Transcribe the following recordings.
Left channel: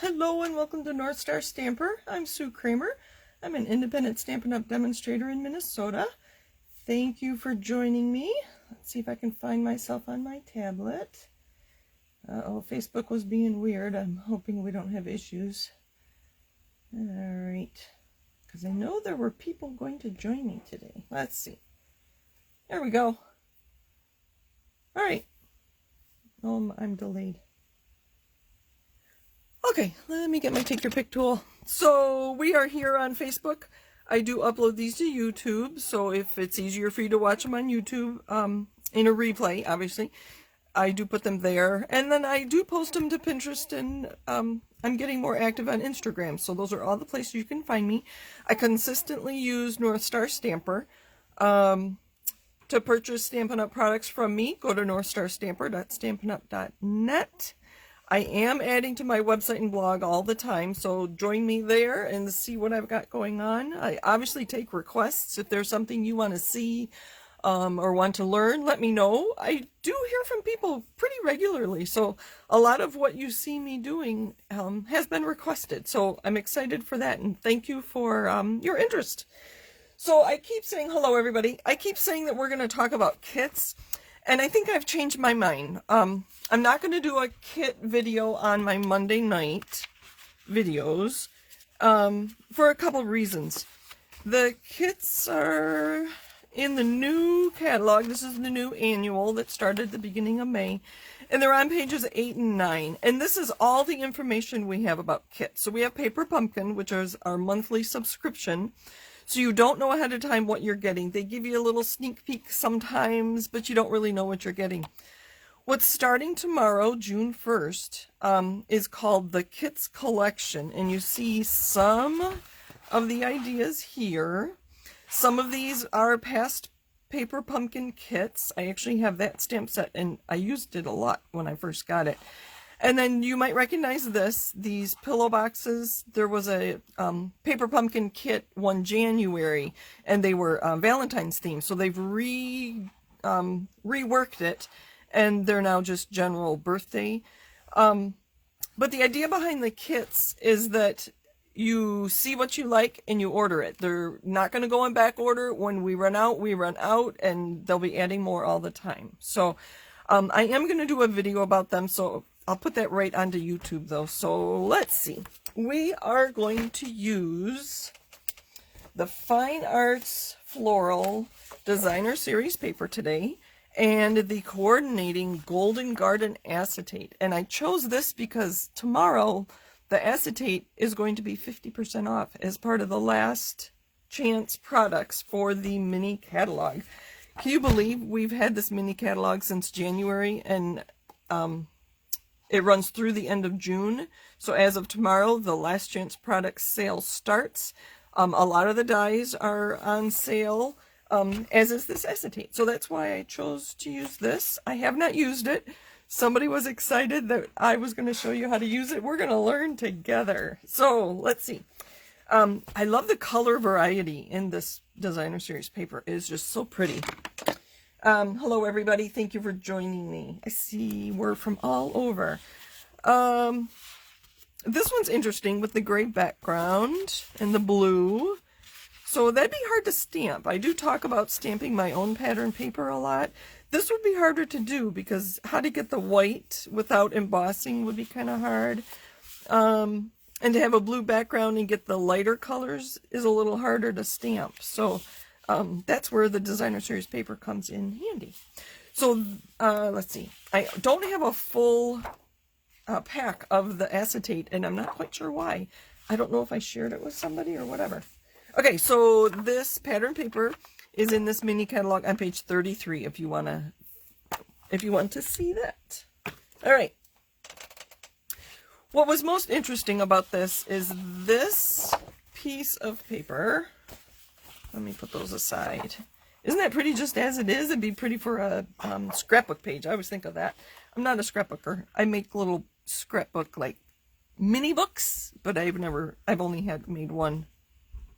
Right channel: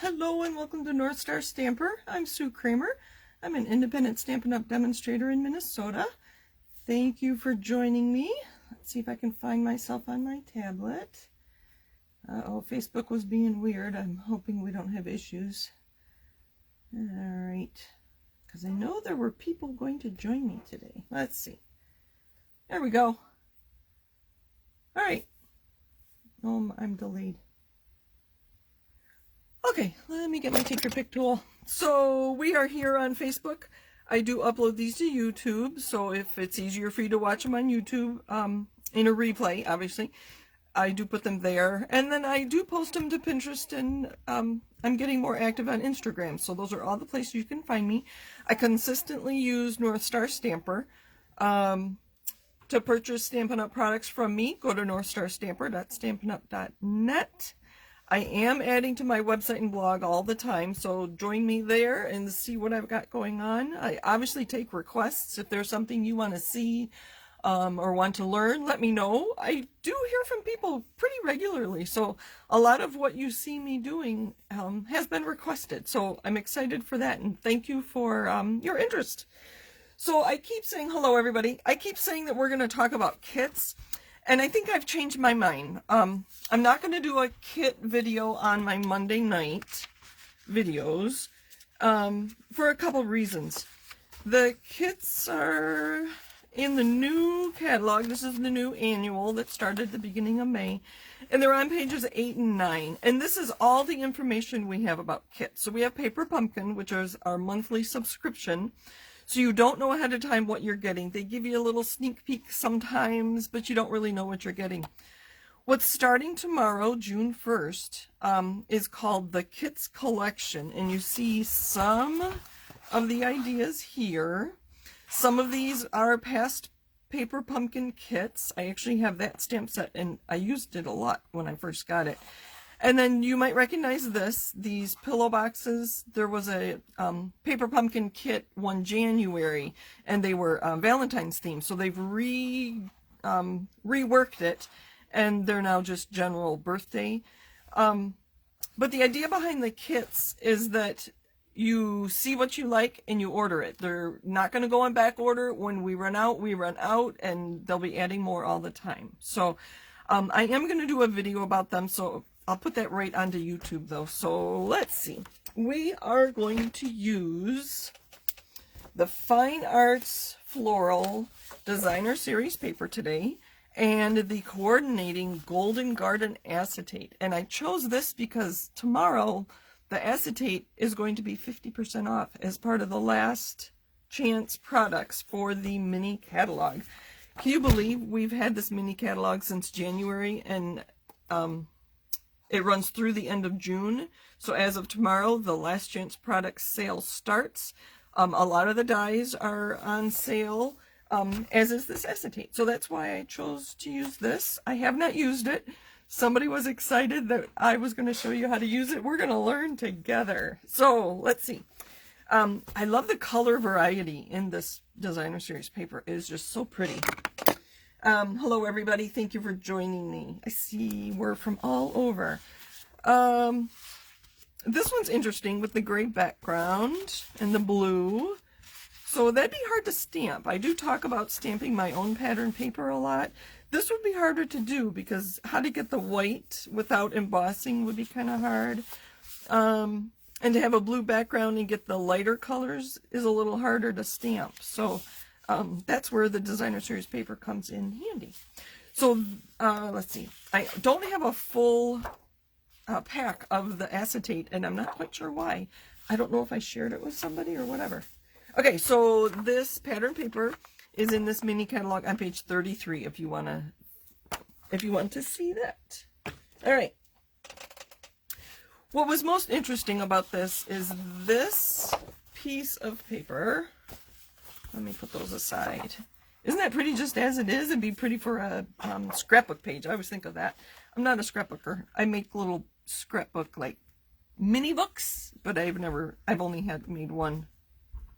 Hello and welcome to North Star Stamper. I'm Sue Kremer. I'm an independent Stampin' Up! Demonstrator in Minnesota. Thank you for joining me. Let's see if I can find myself on my tablet. Uh-oh, Facebook was being weird. I'm hoping we don't have issues. Alright, because I know there were people going to join me today. Let's see. There we go. Alright. Oh, I'm delayed. Okay, let me get my Take Your Pick tool. So we are here on Facebook. I do upload these to YouTube, so if it's easier for you to watch them on YouTube, in a replay, obviously, I do put them there. And then I do post them to Pinterest, and I'm getting more active on Instagram. So those are all the places you can find me. I consistently use North Star Stamper. To purchase Stampin' Up! Products from me, go to northstarstamper.stampinup.net. I am adding to my website and blog all the time, so join me there and see what I've got going on. I obviously take requests. If there's something you want to see or want to learn, let me know. I do hear from people pretty regularly, so a lot of what you see me doing has been requested. So I'm excited for that, and thank you for your interest. So I keep saying hello, everybody. I keep saying that we're going to talk about kits. And I think I've changed my mind. I'm not going to do a kit video on my Monday night videos for a couple reasons. The kits are in the new catalog. This is the new annual that started at the beginning of May. And they're on pages 8 and 9. And this is all the information we have about kits. So we have Paper Pumpkin, which is our monthly subscription. So you don't know ahead of time what you're getting. They give you a little sneak peek sometimes, but you don't really know what you're getting. What's starting tomorrow, June 1st, is called the Kits Collection. And you see some of the ideas here. Some of these are past Paper Pumpkin kits. I actually have that stamp set, and I used it a lot when I first got it. And then you might recognize these pillow boxes. There was a Paper Pumpkin kit one January, and they were Valentine's themed. So they've reworked it, and they're now just general birthday. But the idea behind the kits is that you see what you like and you order it. They're not going to go in back order. When we run out, and they'll be adding more all the time. So I am going to do a video about them, so I'll put that right onto YouTube though. So let's see. We are going to use the Fine Arts Floral Designer Series paper today and the coordinating Golden Garden Acetate. And I chose this because tomorrow the acetate is going to be 50% off as part of the last chance products for the mini catalog. Can you believe we've had this mini catalog since January, and it runs through the end of June. So as of tomorrow, the last chance product sale starts. A lot of the dies are on sale, as is this acetate. So that's why I chose to use this. I have not used it. Somebody was excited that I was going to show you how to use it. We're going to learn together. So let's see. I love the color variety in this designer series paper. It is just so pretty. Hello everybody, thank you for joining me. I see we're from all over. This one's interesting with the gray background and the blue. So that'd be hard to stamp. I do talk about stamping my own pattern paper a lot. This would be harder to do because how to get the white without embossing would be kind of hard. And to have a blue background and get the lighter colors is a little harder to stamp. So that's where the designer series paper comes in handy. So let's see. I don't have a full pack of the acetate, and I'm not quite sure why. I don't know if I shared it with somebody or whatever. Okay, so this pattern paper is in this mini catalog on page 33 if you want to see that. All right. What was most interesting about this is this piece of paper. Let me put those aside. Isn't that pretty just as it is? It'd be pretty for a scrapbook page. I always think of that. I'm not a scrapbooker. I make little scrapbook like mini books, but I've only made one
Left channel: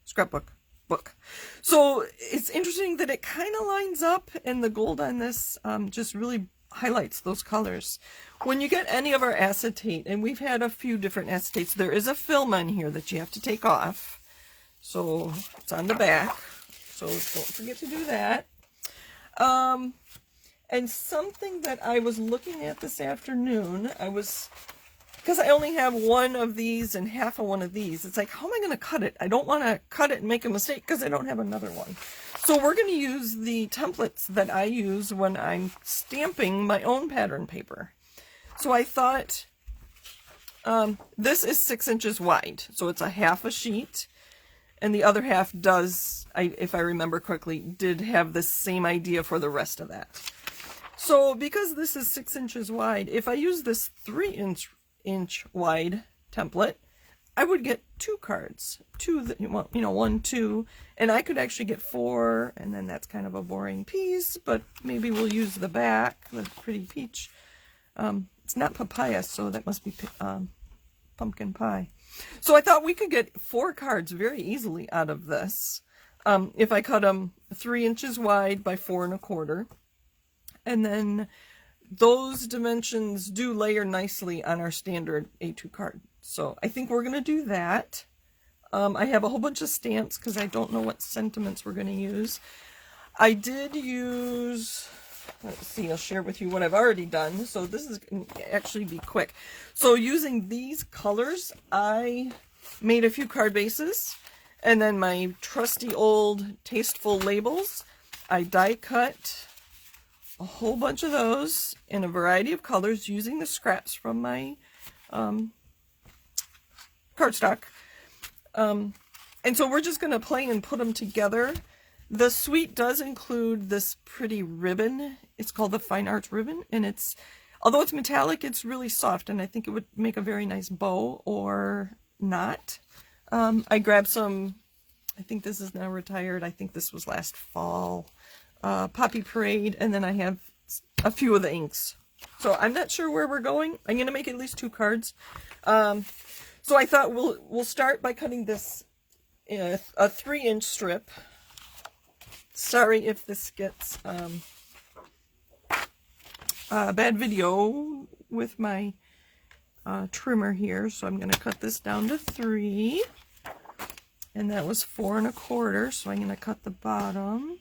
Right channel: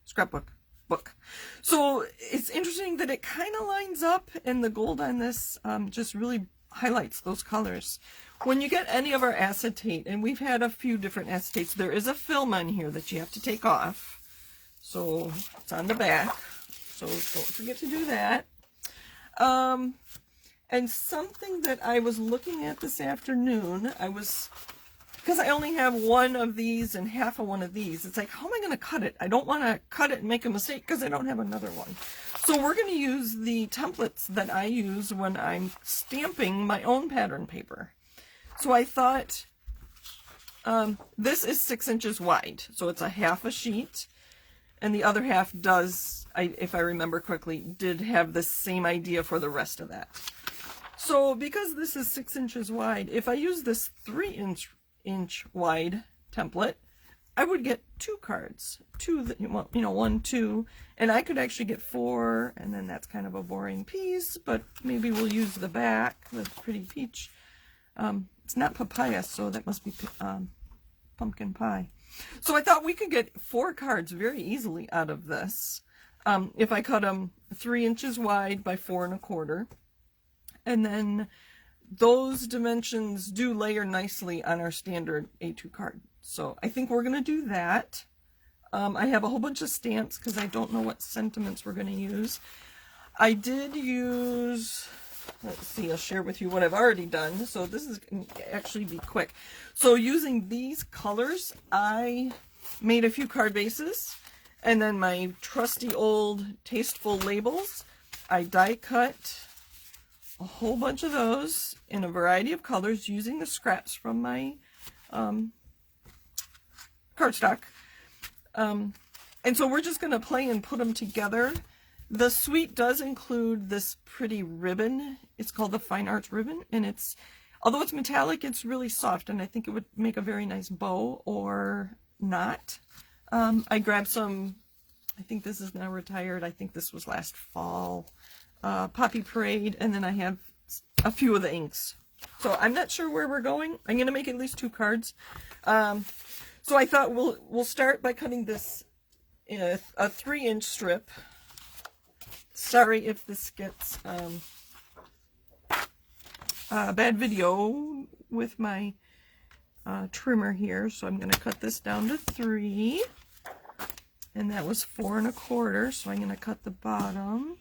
scrapbook book. So it's interesting that it kind of lines up, and the gold on this just really highlights those colors. When you get any of our acetate, and we've had a few different acetates, there is a film on here that you have to take off. So it's on the back. So don't forget to do that. And something that I was looking at this afternoon, because I only have one of these and half of one of these, it's like, how am I going to cut it? I don't want to cut it and make a mistake because I don't have another one. So we're going to use the templates that I use when I'm stamping my own pattern paper. So I thought, this is 6 inches wide, so it's a half a sheet, and the other half does, if I remember correctly, did have the same idea for the rest of that. So because this is 6 inches wide, if I use this 3-inch wide template, I would get 2 cards, 2, you know, 1, 2, and I could actually get 4, and then that's kind of a boring piece, but maybe we'll use the back, the pretty peach. It's not papaya, so that must be pumpkin pie. So I thought we could get 4 cards very easily out of this if I cut them 3 inches wide by 4 1/4. And then those dimensions do layer nicely on our standard A2 card. So I think we're going to do that. I have a whole bunch of stamps because I don't know what sentiments we're going to use. I did use, let's see, I'll share with you what I've already done. So this is going to actually be quick. So using these colors, I made a few card bases. And then my trusty old tasteful labels, I die cut a whole bunch of those in a variety of colors using the scraps from my cardstock. And so we're just going to play and put them together. The suite does include this pretty ribbon. It's called the Fine Arts ribbon, and it's, although it's metallic, it's really soft, and I think it would make a very nice bow or knot. I grabbed some, I think this is now retired, I think this was last fall, Poppy Parade, and then I have a few of the inks. So I'm not sure where we're going. I'm going to make at least 2 cards. So I thought we'll start by cutting this a 3-inch strip. Sorry if this gets bad video with my trimmer here. So I'm going to cut this down to 3. And that was 4 1/4. So I'm going to cut the bottom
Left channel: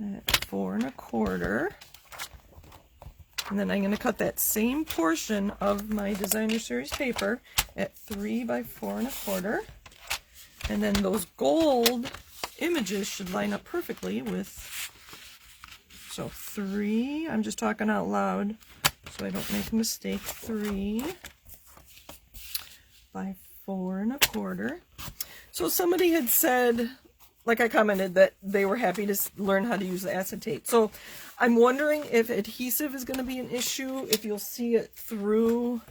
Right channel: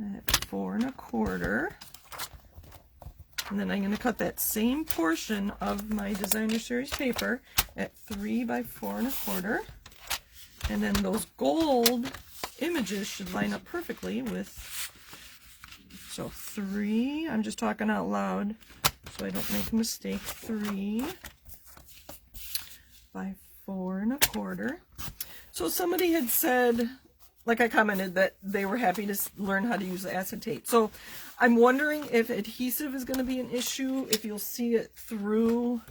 at 4 1/4. And then I'm going to cut that same portion of my designer series paper at 3 by 4 1/4. And then those gold images should line up perfectly with, so 3, I'm just talking out loud so I don't make a mistake, 3 by 4 1/4. So somebody had said, like I commented, that they were happy to learn how to use the acetate. So I'm wondering if adhesive is going to be an issue, if you'll see it through,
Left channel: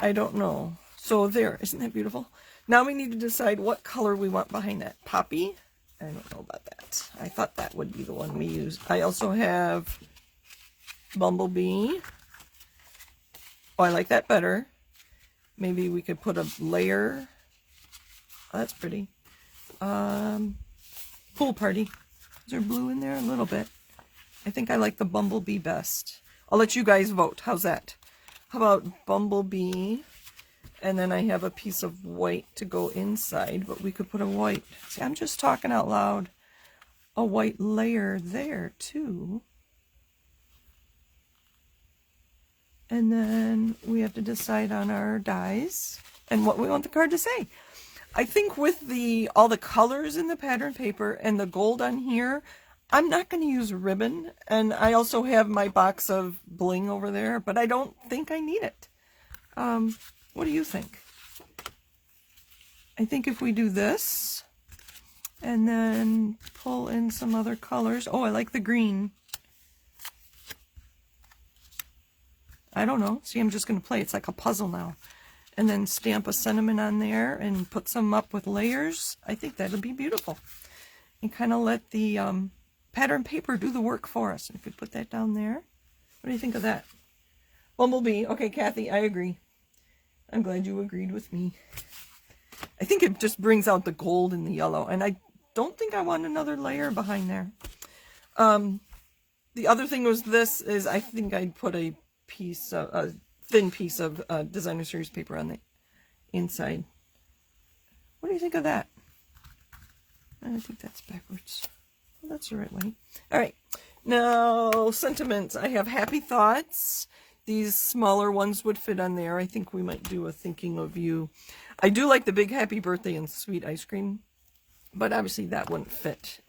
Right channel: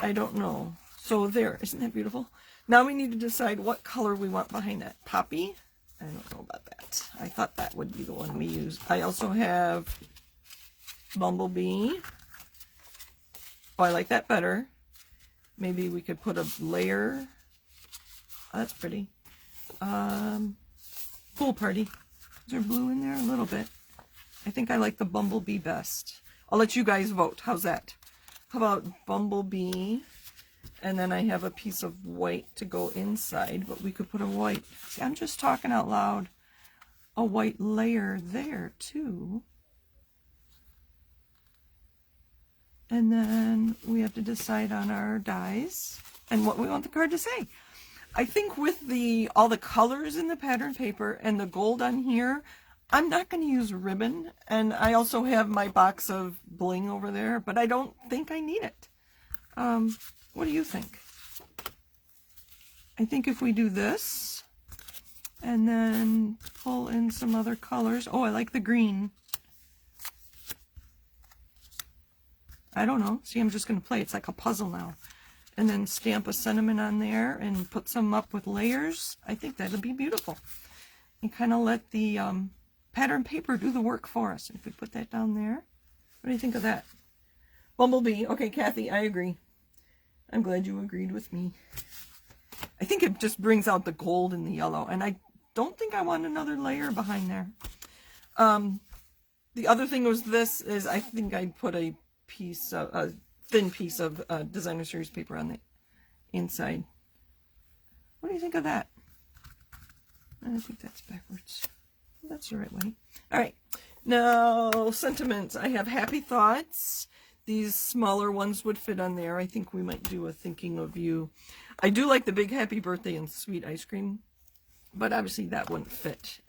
I don't know. So there, isn't that beautiful? Now we need to decide what color we want behind that. Poppy? I don't know about that. I thought that would be the one we use. I also have Bumblebee. Oh, I like that better. Maybe we could put a layer. Oh, that's pretty. Pool Party. Is there blue in there? A little bit. I think I like the Bumblebee best. I'll let you guys vote. How's that? How about Bumblebee? And then I have a piece of white to go inside, but we could put a white. See, I'm just talking out loud. A white layer there, too. And then we have to decide on our dies and what we want the card to say. I think with all the colors in the pattern paper and the gold on here, I'm not going to use ribbon. And I also have my box of bling over there, but I don't think I need it. What do you think? I think if we do this and then pull in some other colors. Oh, I like the green. I don't know. See, I'm just going to play. It's like a puzzle now. And then stamp a sentiment on there and put some up with layers. I think that would be beautiful. And kind of let the pattern paper do the work for us. If we put that down there. What do you think of that? Bumblebee. Okay, Kathy, I agree. I'm glad you agreed with me. I think it just brings out the gold and the yellow. And I don't think I want another layer behind there. the other thing was this is I think I put a thin piece of designer series paper on the inside. What do you think of that? I think that's backwards. Well, that's the right way. All right. Now, sentiments. I have happy thoughts. These smaller ones would fit on there. I think we might do a thinking of you. I do like the big happy birthday and sweet ice cream, but obviously that won't fit.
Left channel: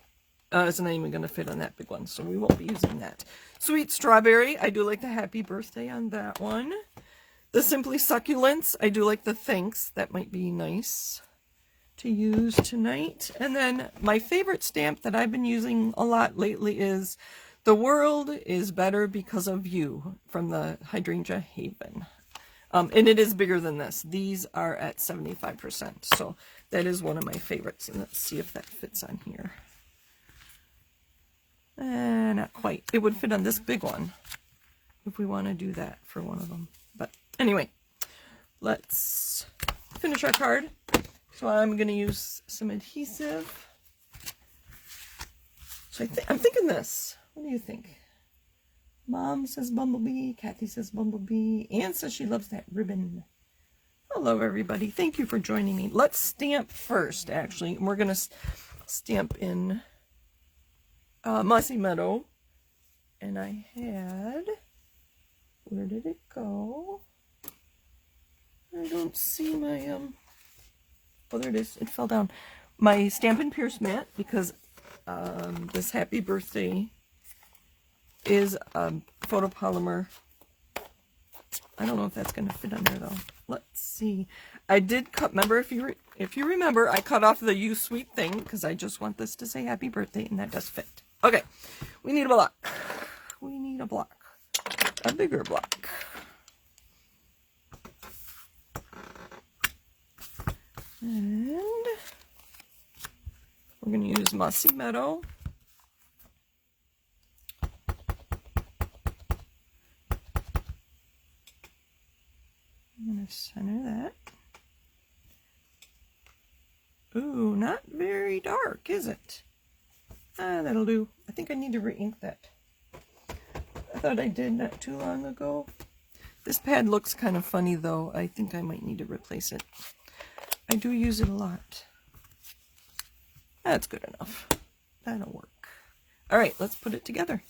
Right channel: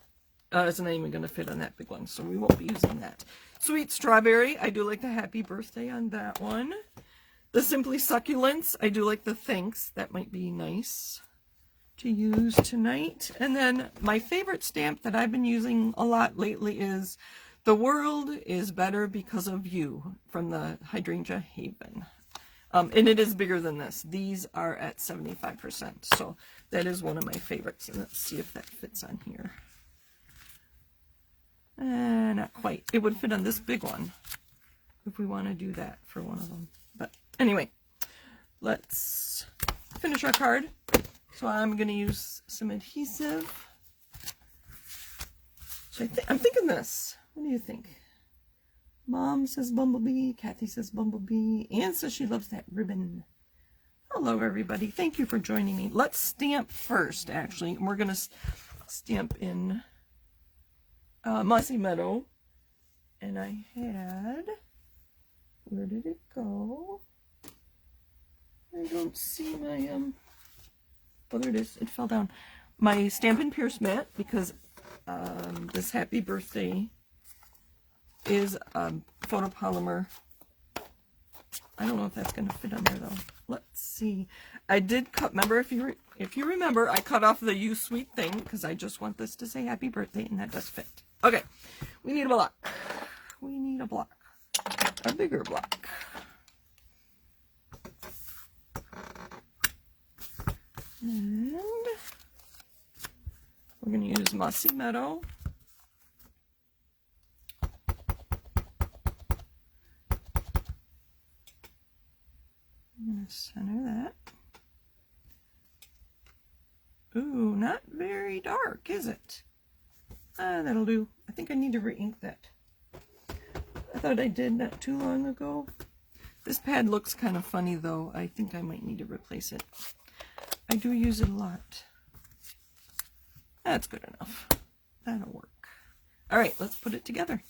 It's not even going to fit on that big one, so we won't be using that. Sweet strawberry. I do like the happy birthday on that one. The Simply Succulents. I do like the thanks. That might be nice to use tonight. And then my favorite stamp that I've been using a lot lately is The World is Better Because of You from the Hydrangea Haven. And it is bigger than this. These are at 75%. So that is one of my favorites. And let's see if that fits on here. Not quite. It would fit on this big one if we want to do that for one of them. But anyway, let's finish our card. So I'm going to use some adhesive. So I'm thinking this. What do you think? Mom says bumblebee. Kathy says bumblebee. Anne says she loves that ribbon. Hello, everybody. Thank you for joining me. Let's stamp first, actually. We're going to stamp in Mossy Meadow. And I had... Where did it go? I don't see my... Oh, there it is. It fell down. My Stampin' Pierce mat, because this happy birthday is photopolymer. I don't know if that's going to fit on there, though. Let's see. I did cut, remember, if you remember, I cut off the You Sweet Thing, because I just want this to say happy birthday, and that does fit. Okay, we need a block. We need a block. A bigger block. And we're going to use Mossy Meadow. I'm going to center that. Ooh, not very dark, is it? That'll do. I think I need to re-ink that. I thought I did not too long ago. This pad looks kind of funny, though. I think I might need to replace it. I do use it a lot. That's good enough. That'll work. All right, let's put it together.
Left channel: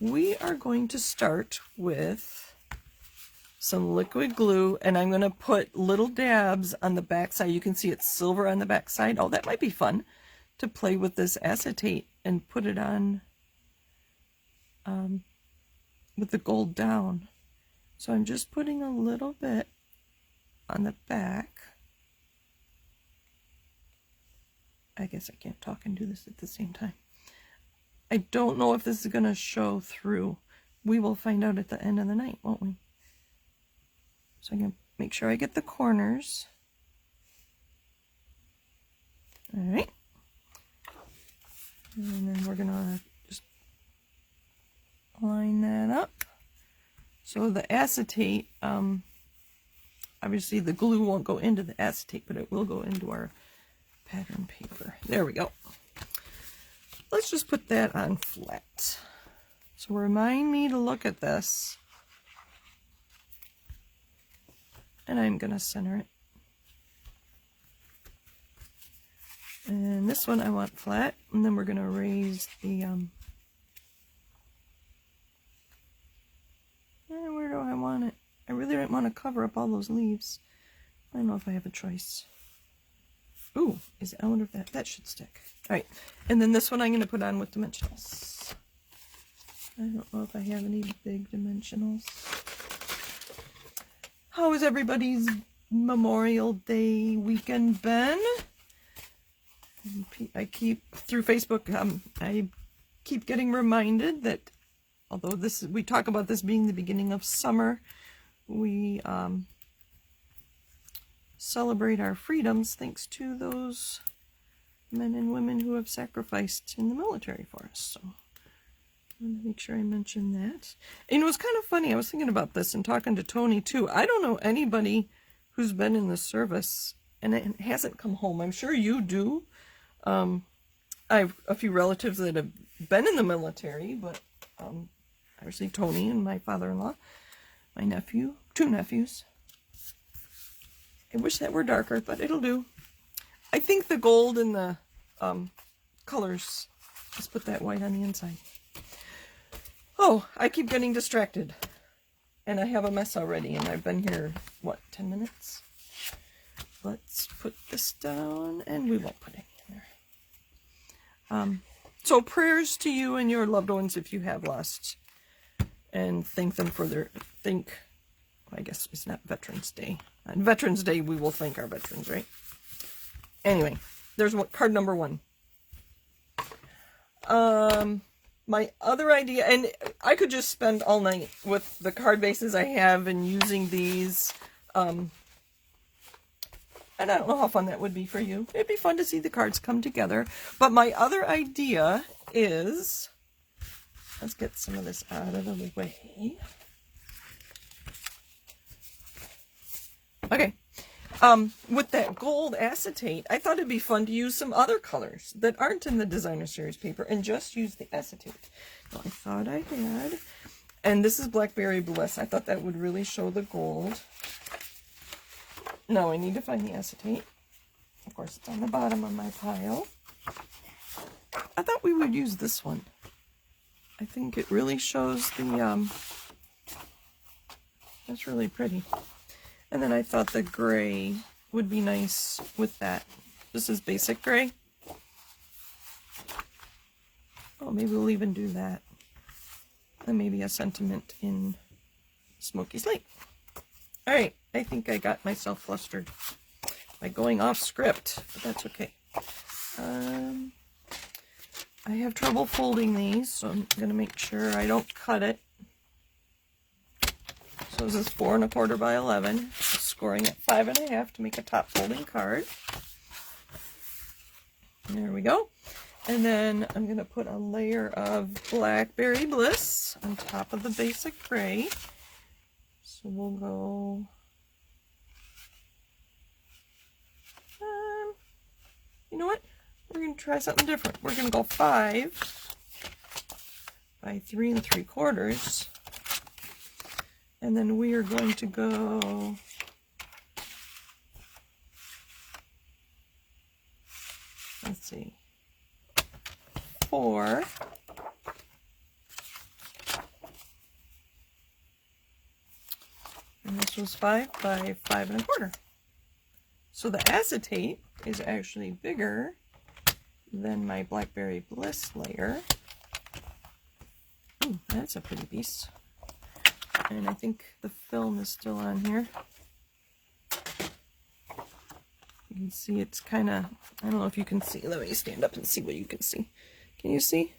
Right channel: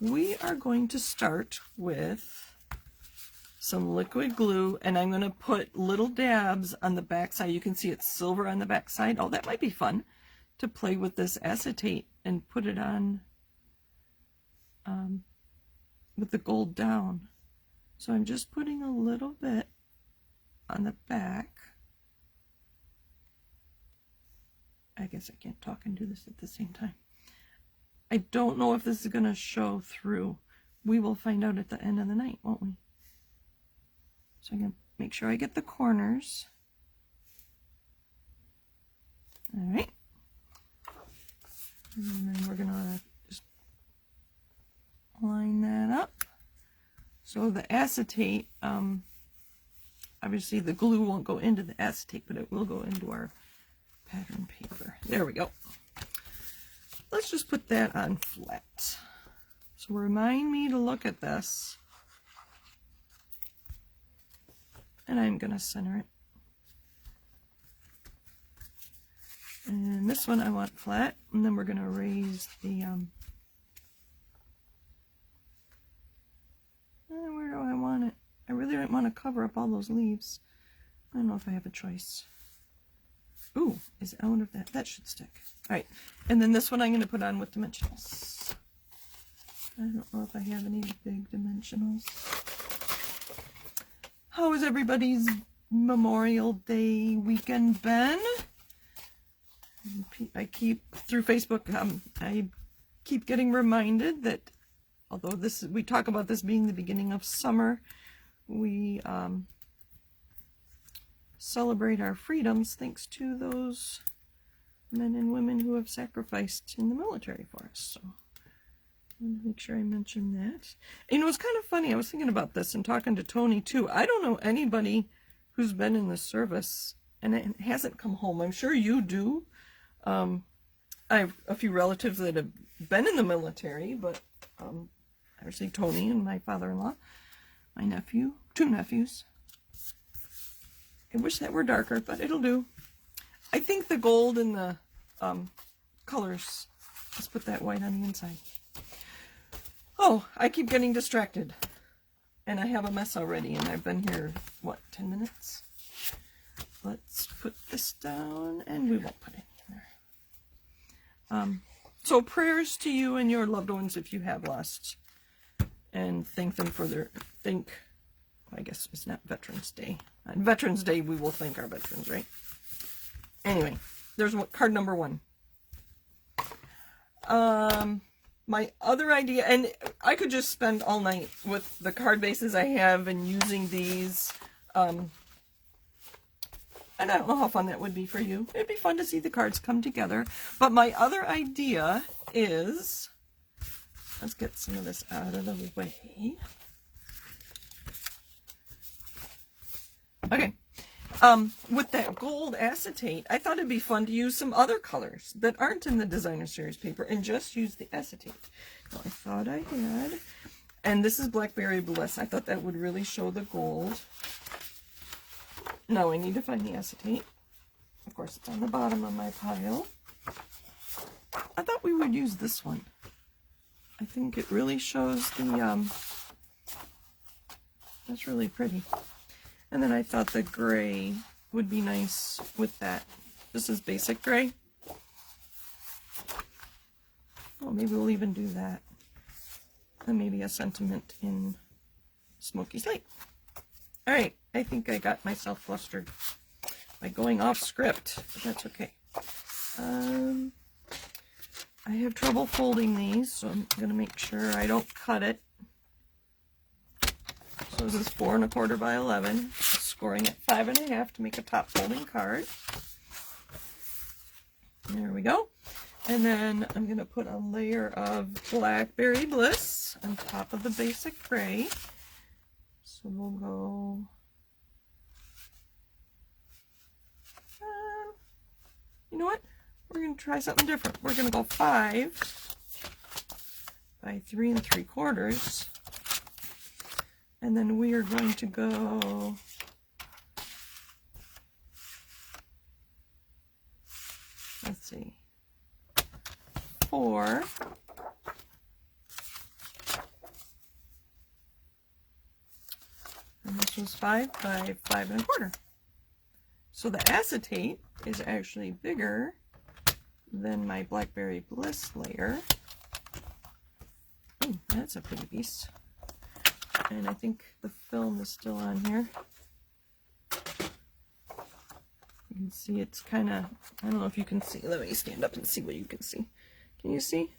We are going to start with some liquid glue, and I'm going to put little dabs on the back side. You can see it's silver on the back side. Oh, that might be fun to play with this acetate and put it on with the gold down. So I'm just putting a little bit on the back. I guess I can't talk and do this at the same time. I don't know if this is going to show through. We will find out at the end of the night, won't we? So I'm going to make sure I get the corners. All right. And then we're going to just line that up. So the acetate, obviously the glue won't go into the acetate, but it will go into our pattern paper. There we go. Let's just put that on flat. So remind me to look at this. And I'm going to center it. And this one I want flat. And then we're going to raise the... where do I want it? I really don't want to cover up all those leaves. I don't know if I have a choice. Ooh, I wonder if that should stick. All right, and then this one I'm going to put on with dimensionals. I don't know if I have any big dimensionals. How has everybody's Memorial Day weekend been? I keep, through Facebook, I keep getting reminded that although we talk about this being the beginning of summer, we celebrate our freedoms thanks to those men and women who have sacrificed in the military for us. So I want to make sure I mention that. And it was kind of funny. I was thinking about this and talking to Tony too. I don't know anybody who's been in the service and it hasn't come home. I'm sure you do. I have a few relatives that have been in the military, but actually Tony and my father-in-law, my nephew, 2 nephews. I wish that were darker, but it'll do. I think the gold and the colors. Let's put that white on the inside. Oh, I keep getting distracted. And I have a mess already, and I've been here, what, 10 minutes? Let's put this down, and we won't put any in there. So prayers to you and your loved ones if you have lost. And thank them for their, I guess it's not Veterans Day. On Veterans Day, we will thank our veterans, right? Anyway, there's card number 1. My other idea, and I could just spend all night with the card bases I have and using these. And I don't know how fun that would be for you. It'd be fun to see the cards come together. But my other idea is, let's get some of this out of the way. Okay. With that gold acetate, I thought it'd be fun to use some other colors that aren't in the designer series paper and just use the acetate. I thought I had, and this is Blackberry Bliss. I thought that would really show the gold. Now I need to find the acetate. Of course, it's on the bottom of my pile. I thought we would use this one. I think it really shows the, that's really pretty. And then I thought the gray would be nice with that. This is basic gray. Oh, maybe we'll even do that. And maybe a sentiment in Smoky Slate. All right, I think I got myself flustered by going off script, but that's okay. I have trouble folding these, so I'm going to make sure I don't cut it. So this is 4 1/4 by 11, scoring at 5 1/2 to make a top folding card. There we go. And then I'm going to put a layer of Blackberry Bliss on top of the basic gray. So we'll go, you know what? We're going to try something different. We're going to go 5 by 3 3/4. And then we are going to go, let's see, 4. And this was 5 by 5 1/4. So the acetate is actually bigger than my Blackberry Bliss layer. Ooh, that's a pretty piece. And I think the film is still on here. You can see it's kind of, I don't know if you can see. Let me stand up and see what you can see. Can you see?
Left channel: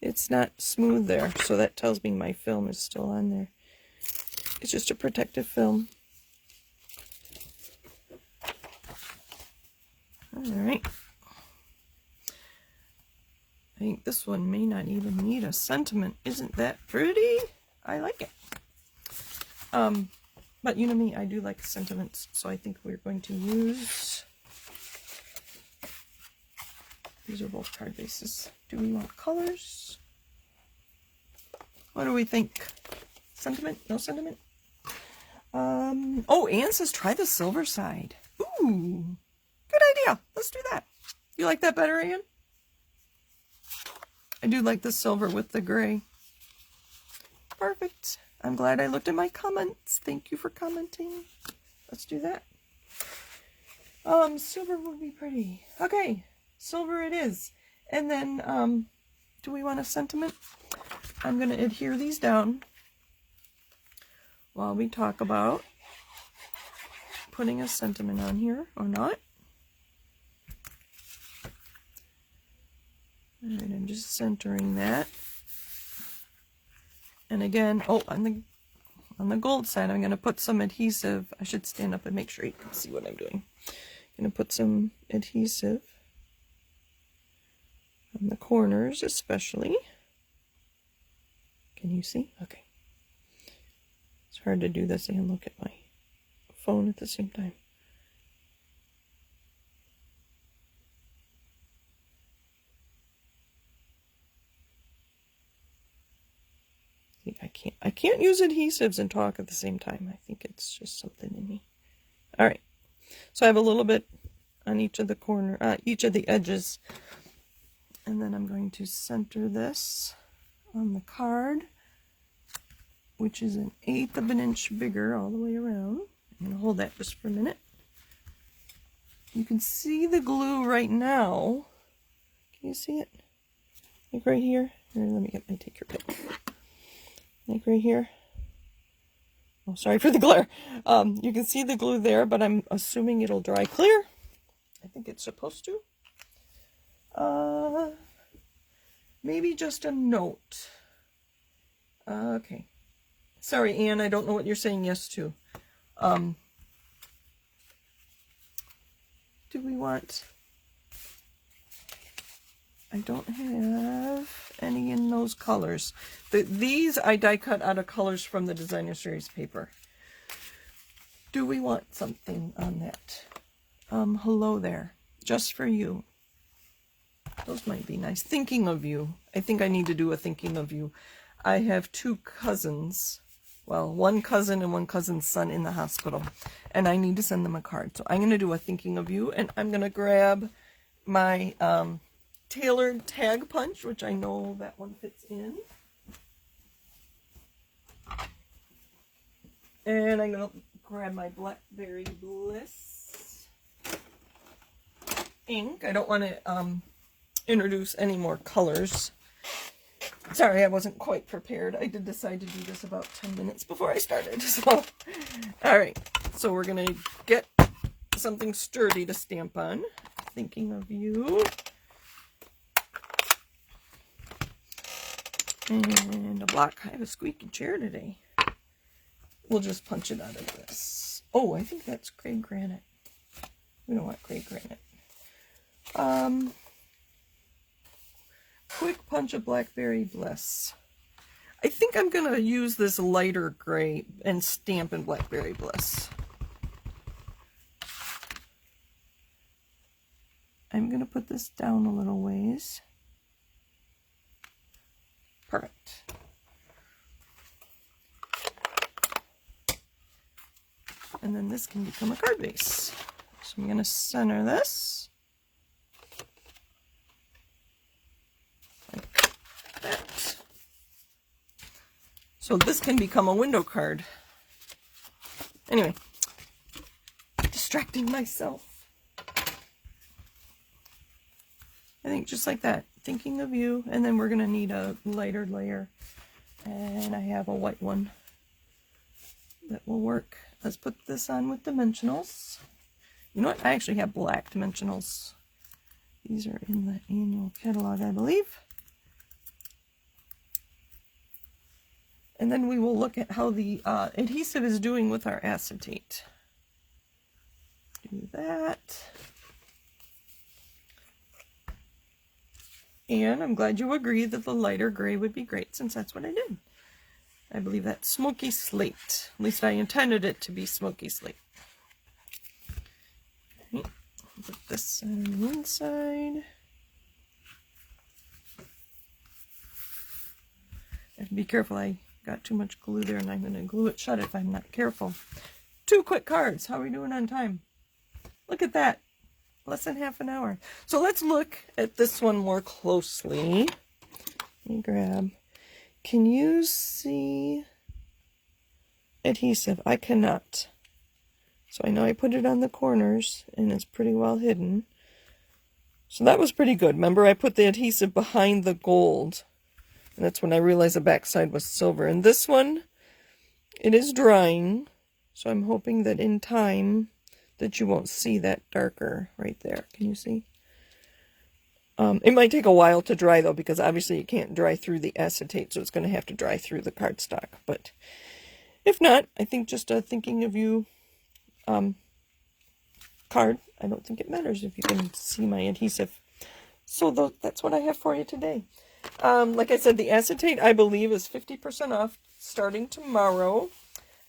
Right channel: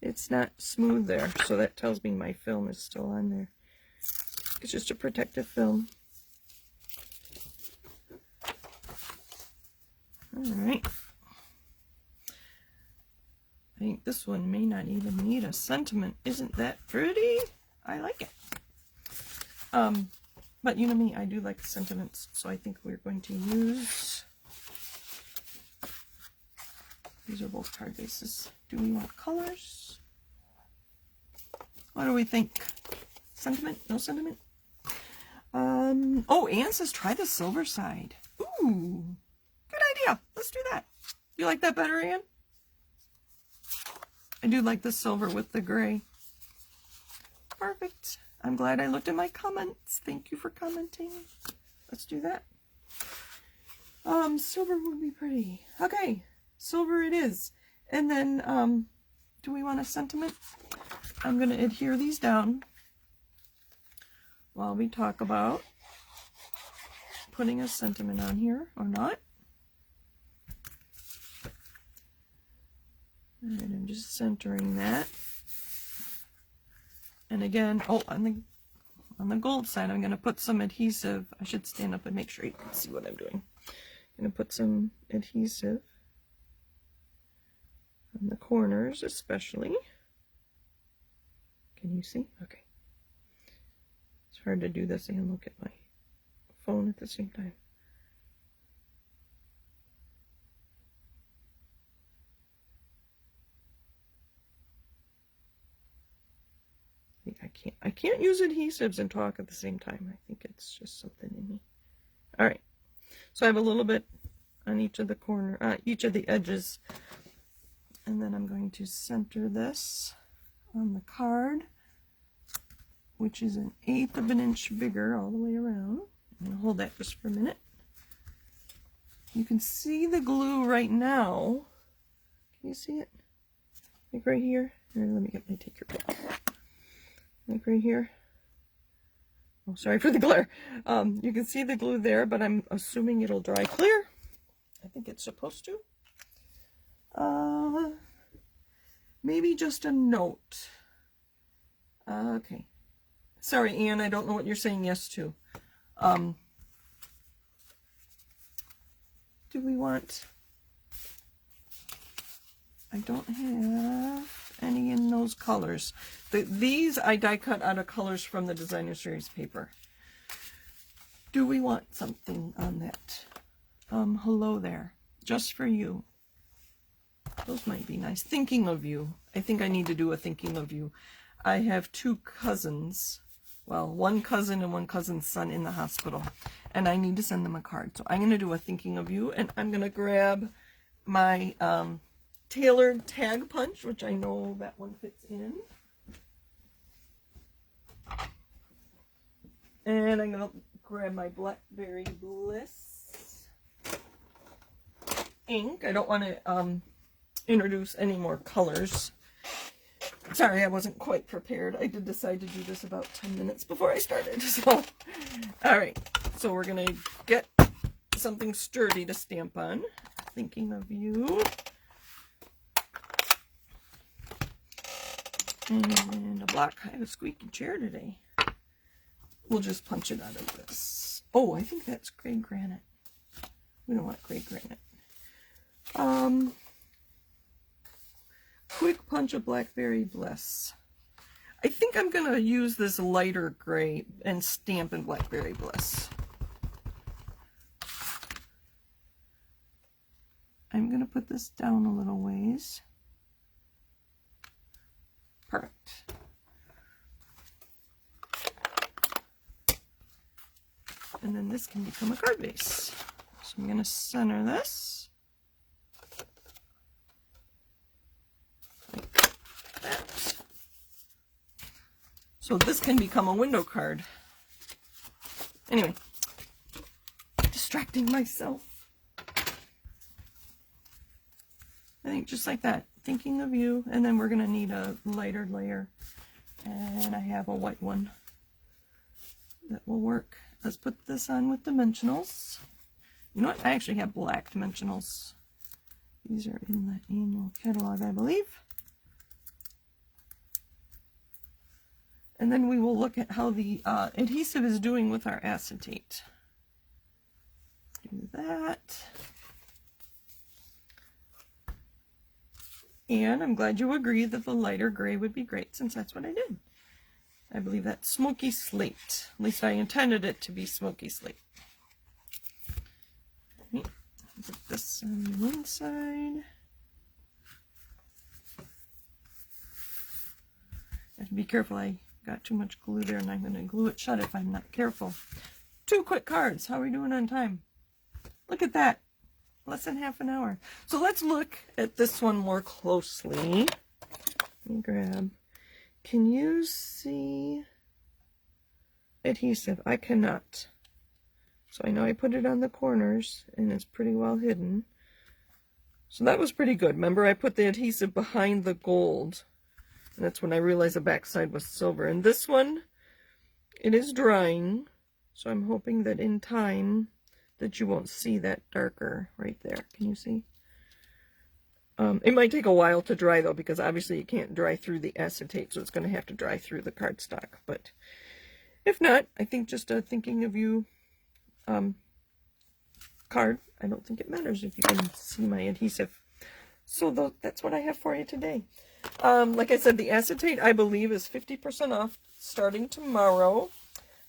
It's not smooth there, so that tells me my film is still on there. It's just a protective film. Alright. I think this one may not even need a sentiment. Isn't that pretty? I like it. But you know me, I do like sentiments, so I think we're going to use, these are both card bases. Do we want colors? What do we think? Sentiment? No sentiment? Oh, Anne says try the silver side. Ooh, good idea. Let's do that. You like that better, Anne? I do like the silver with the gray. Perfect. I'm glad I looked at my comments. Thank you for commenting. Let's do that. Silver would be pretty. Okay, silver it is. And then, do we want a sentiment? I'm going to adhere these down while we talk about putting a sentiment on here or not. And I'm just centering that. And again, oh, on the gold side, I'm going to put some adhesive. I should stand up and make sure you can see what I'm doing. I'm going to put some adhesive on the corners, especially. Can you see? Okay. It's hard to do this and look at my phone at the same time. I can't use adhesives and talk at the same time. I think it's just something in me. All right. So I have a little bit on each of the each of the edges. And then I'm going to center this on the card, which is 1/8 of an inch bigger all the way around. I'm going to hold that just for a minute. You can see the glue right now. Can you see it? Like right here? Here, let me take your pen. Like right here. Oh, sorry for the glare. You can see the glue there, but I'm assuming it'll dry clear. I think it's supposed to. Maybe just a note. Okay. Sorry, Anne, I don't know what you're saying yes to. Do we want... I don't have any in those colors. These I die cut out of colors from the designer series paper. Do we want something on that? Hello there. Just for you. Those might be nice. Thinking of you. I think I need to do a thinking of you. I have 2 cousins. Well, 1 cousin and 1 cousin's son in the hospital. And I need to send them a card. So I'm going to do a thinking of you. And I'm going to grab my tailored tag punch, which I know that one fits in. And I'm going to grab my Blackberry Bliss ink. I don't want to introduce any more colors. Sorry, I wasn't quite prepared. I did decide to do this about 10 minutes before I started. So, all right. So we're going to get something sturdy to stamp on. Thinking of you. And a block. I have a squeaky chair today. We'll just punch it out of this. Oh, I think that's gray granite. We don't want gray granite. Quick punch of Blackberry Bliss. I think I'm going to use this lighter gray and stamp in Blackberry Bliss. I'm going to put this down a little ways. Perfect. And then this can become a card base. So I'm going to center this. Like that. So this can become a window card. Anyway, distracting myself. I think just like that. Thinking of you. And then we're going to need a lighter layer. And I have a white one that will work. Let's put this on with dimensionals. You know what? I actually have black dimensionals. These are in the annual catalog, I believe. And then we will look at how the adhesive is doing with our acetate. Do that. And I'm glad you agree that the lighter gray would be great, since that's what I did. I believe that's smoky slate. At least I intended it to be smoky slate. Okay. Put this on the inside. I have to be careful. I got too much glue there, and I'm going to glue it shut if I'm not careful. 2 quick cards. How are we doing on time? Look at that. Less than half an hour. So let's look at this one more closely. Let me grab. Can you see adhesive? I cannot. So I know I put it on the corners and it's pretty well hidden. So that was pretty good. Remember, I put the adhesive behind the gold. And that's when I realized the backside was silver. And this one, it is drying. So I'm hoping that in time that you won't see that darker right there. Can you see? It might take a while to dry, though, because obviously it can't dry through the acetate, so it's going to have to dry through the cardstock. But if not, I think just a thinking of you card. I don't think it matters if you can see my adhesive. So that's what I have for you today. Like I said, the acetate, I believe, is 50% off starting tomorrow.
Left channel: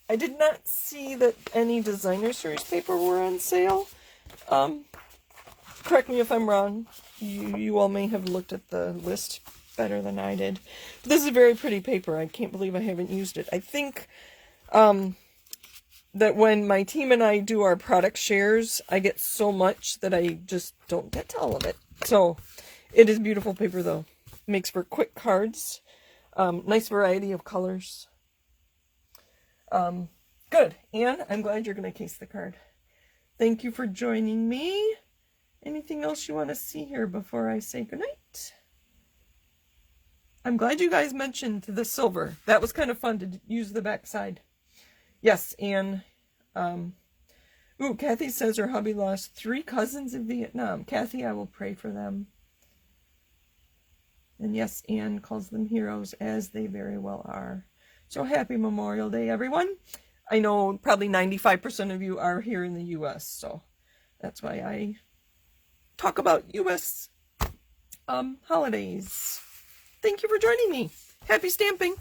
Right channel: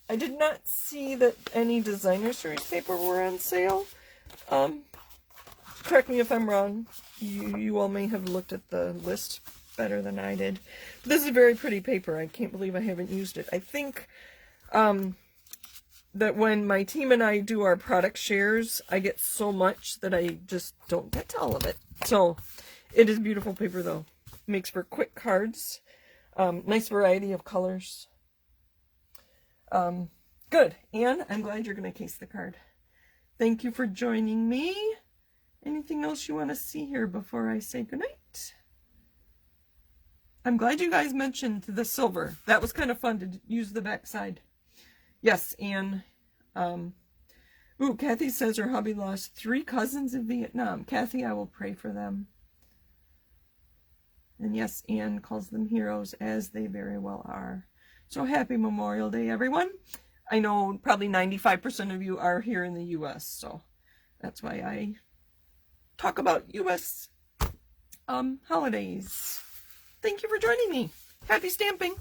I did not see that any designer series paper were on sale. Correct me if I'm wrong. You all may have looked at the list better than I did. But this is a very pretty paper. I can't believe I haven't used it. I think that when my team and I do our product shares, I get so much that I just don't get to all of it. So it is beautiful paper, though. Makes for quick cards. Nice variety of colors. Good. Anne, I'm glad you're going to case the card. Thank you for joining me. Anything else you want to see here before I say goodnight? I'm glad you guys mentioned the silver. That was kind of fun to use the back side. Yes, Anne. Kathy says her hubby lost 3 cousins in Vietnam. Kathy, I will pray for them. And yes, Anne calls them heroes, as they very well are. So happy Memorial Day, everyone. I know probably 95% of you are here in the U.S., so that's why I talk about U.S. Holidays. Thank you for joining me. Happy stamping.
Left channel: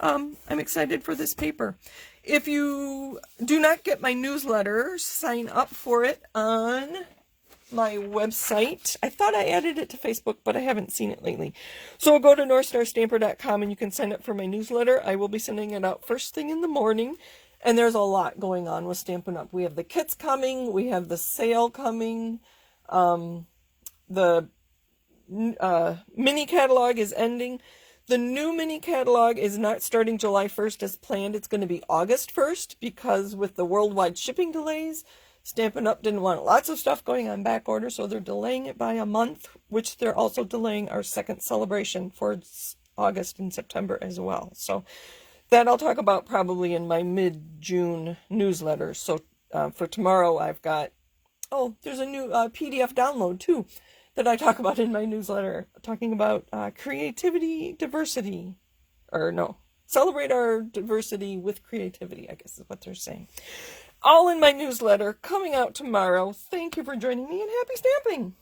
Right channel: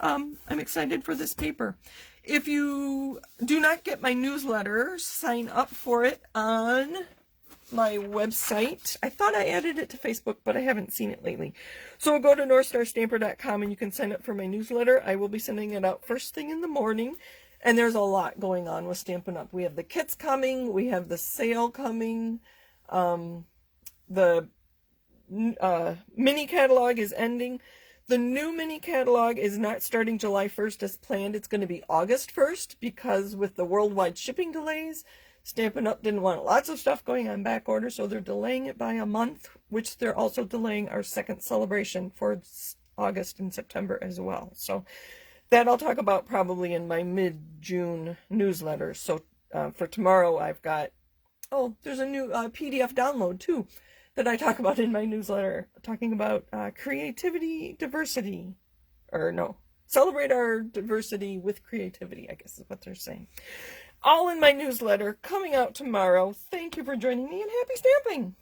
I'm excited for this paper. If you do not get my newsletter, sign up for it on my website. I thought I added it to Facebook, but I haven't seen it lately. So go to northstarstamper.com and you can sign up for my newsletter. I will be sending it out first thing in the morning. And there's a lot going on with Stampin' Up. We have the kits coming. We have the sale coming. The mini catalog is ending. The new mini catalog is not starting July 1st as planned. It's going to be August 1st because with the worldwide shipping delays, Stampin' Up! Didn't want lots of stuff going on back order, so they're delaying it by a month, which they're also delaying our second celebration for August and September as well. So that I'll talk about probably in my mid-June newsletter. So for tomorrow, I've got, there's a new PDF download too that I talk about in my newsletter, talking about creativity, diversity, celebrate our diversity with creativity, I guess is what they're saying. All in my newsletter coming out tomorrow. Thank you for joining me and happy stamping.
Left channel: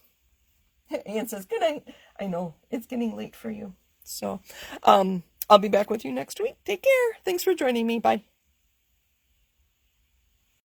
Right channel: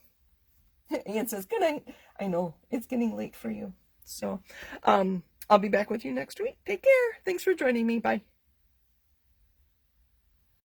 Anne says, good night. I know it's getting late for you. So, I'll be back with you next week. Take care. Thanks for joining me. Bye.